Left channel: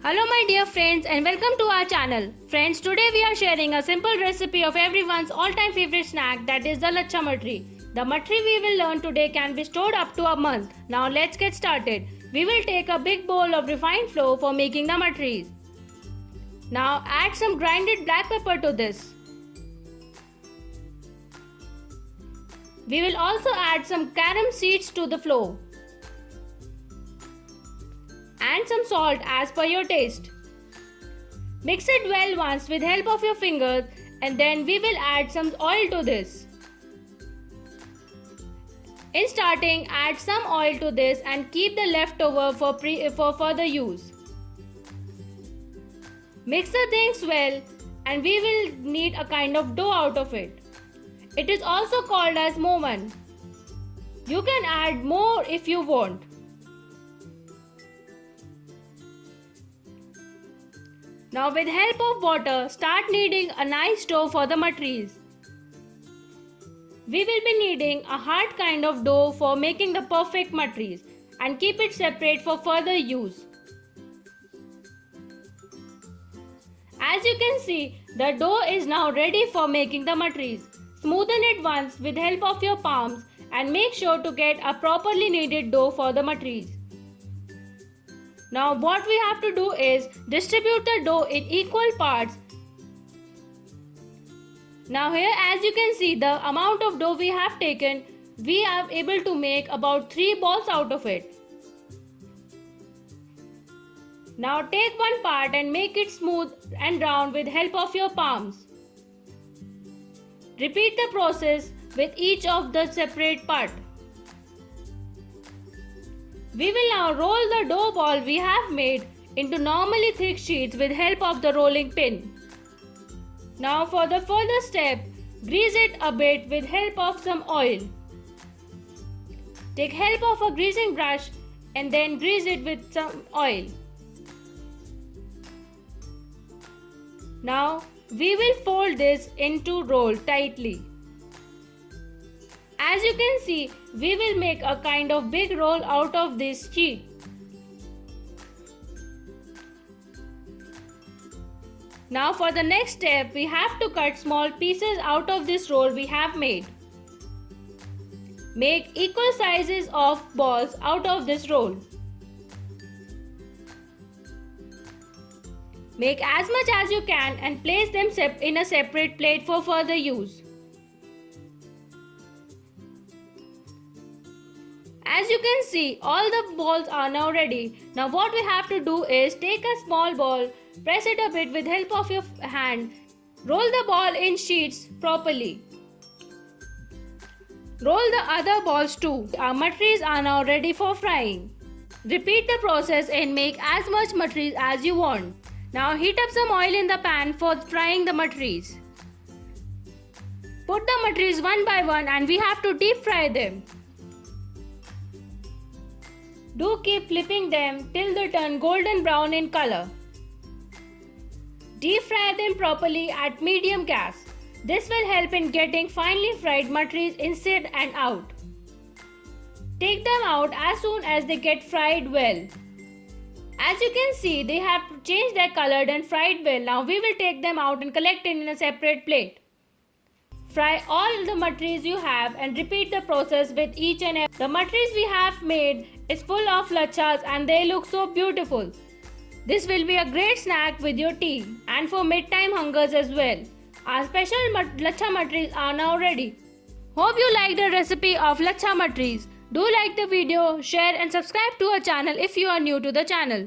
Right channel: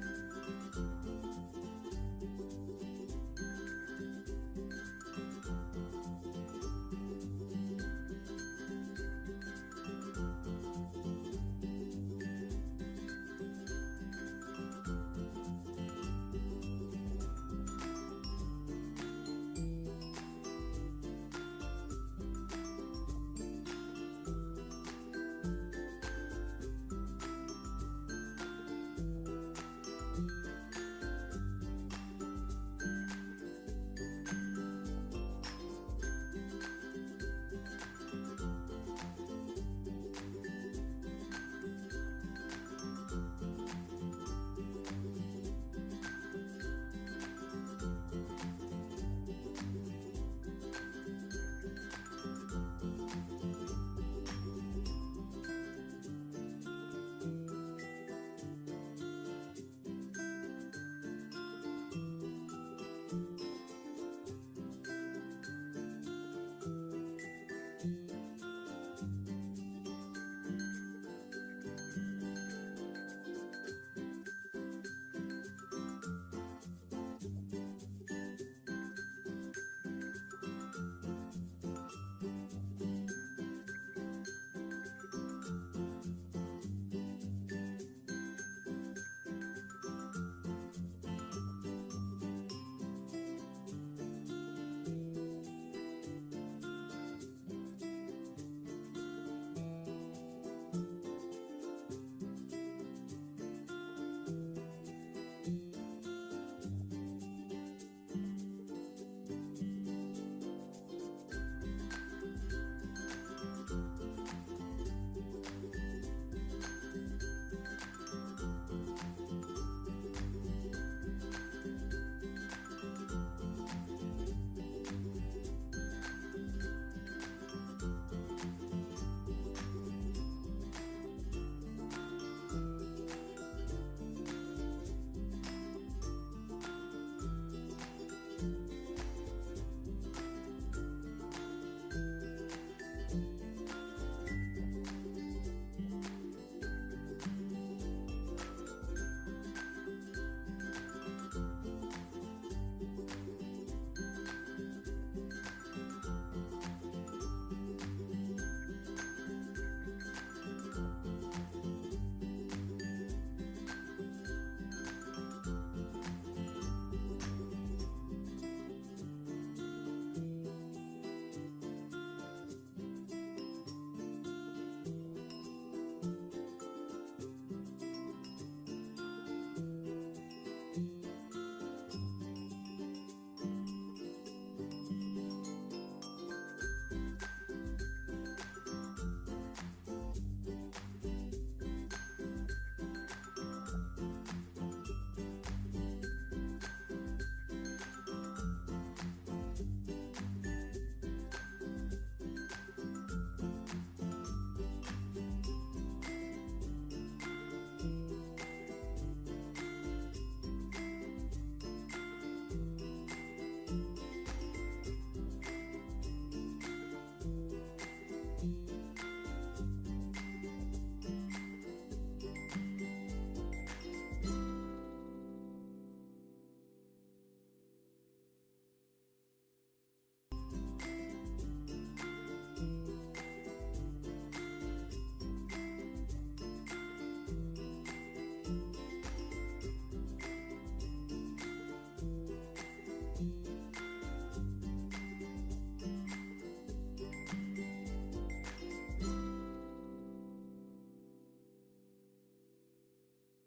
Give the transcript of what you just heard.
Hello my dear friends and welcome to our channel. Friends, today we are sharing a simple recipe of everyone's all-time favorite snack, that is the lachha matri. The matri we will learn today can be stored up to a month. Now let's get started. We will take a big bowl of refined flour for making the matris. Now add some grinded black pepper to this. We will also add some carom seeds to the flour and some salt as per your taste. Mix it well once with help of your fingers, and then we will add some oil to this. In starting, add some oil to this and keep the leftover for further use. Mix the things well and we will need a kind of dough out of it. It is also called as movan. You can add more if you want. Now with help of water, start kneading a nice dough for the matris. We will be needing a hard kind of dough for making the perfect matris, and keep it separate for further use. As you can see, the dough is now ready for making the matris. Smoothen it once with help of your palms and make sure to get a properly kneaded dough for the matris. Now what we have to do is distribute the dough in equal parts. Now here, as you can see, the amount of dough we have taken, we are able to make about 3 balls out of it. Now take one part and make it smooth and round with help of your palms. Repeat the process with each of the separate part. We will now roll the dough ball we have made into normally thick sheets with help of the rolling pin. Now for the further step, grease it a bit with help of some oil. Take help of a greasing brush and then grease it with some oil. Now we will fold this into roll tightly. As you can see, we will make a kind of big roll out of this sheet. Now for the next step, we have to cut small pieces out of this roll we have made. Make equal sizes of balls out of this roll. Make as much as you can and place them in a separate plate for further use. As you can see, all the balls are now ready. Now what we have to do is take a small ball, press it a bit with help of your hand, roll the ball in sheets properly. Roll the other balls too. Our matris are now ready for frying. Repeat the process and make as much matris as you want. Now heat up some oil in the pan for frying the matris. Put the matris one by one and we have to deep fry them. Do keep flipping them till they turn golden brown in color. Deep fry them properly at medium gas. This will help in getting finely fried matris inside and out. Take them out as soon as they get fried well. As you can see, they have changed their color and fried well. Now we will take them out and collect it in a separate plate. Fry all the matris you have and repeat the process with each and every. The matris we have made is full of lachhas and they look so beautiful. This will be a great snack with your tea and for mid-time hungers as well. Our special lachha matris are now ready. Hope you liked the recipe of lachha matris. Do like the video, share and subscribe to our channel if you are new to the channel.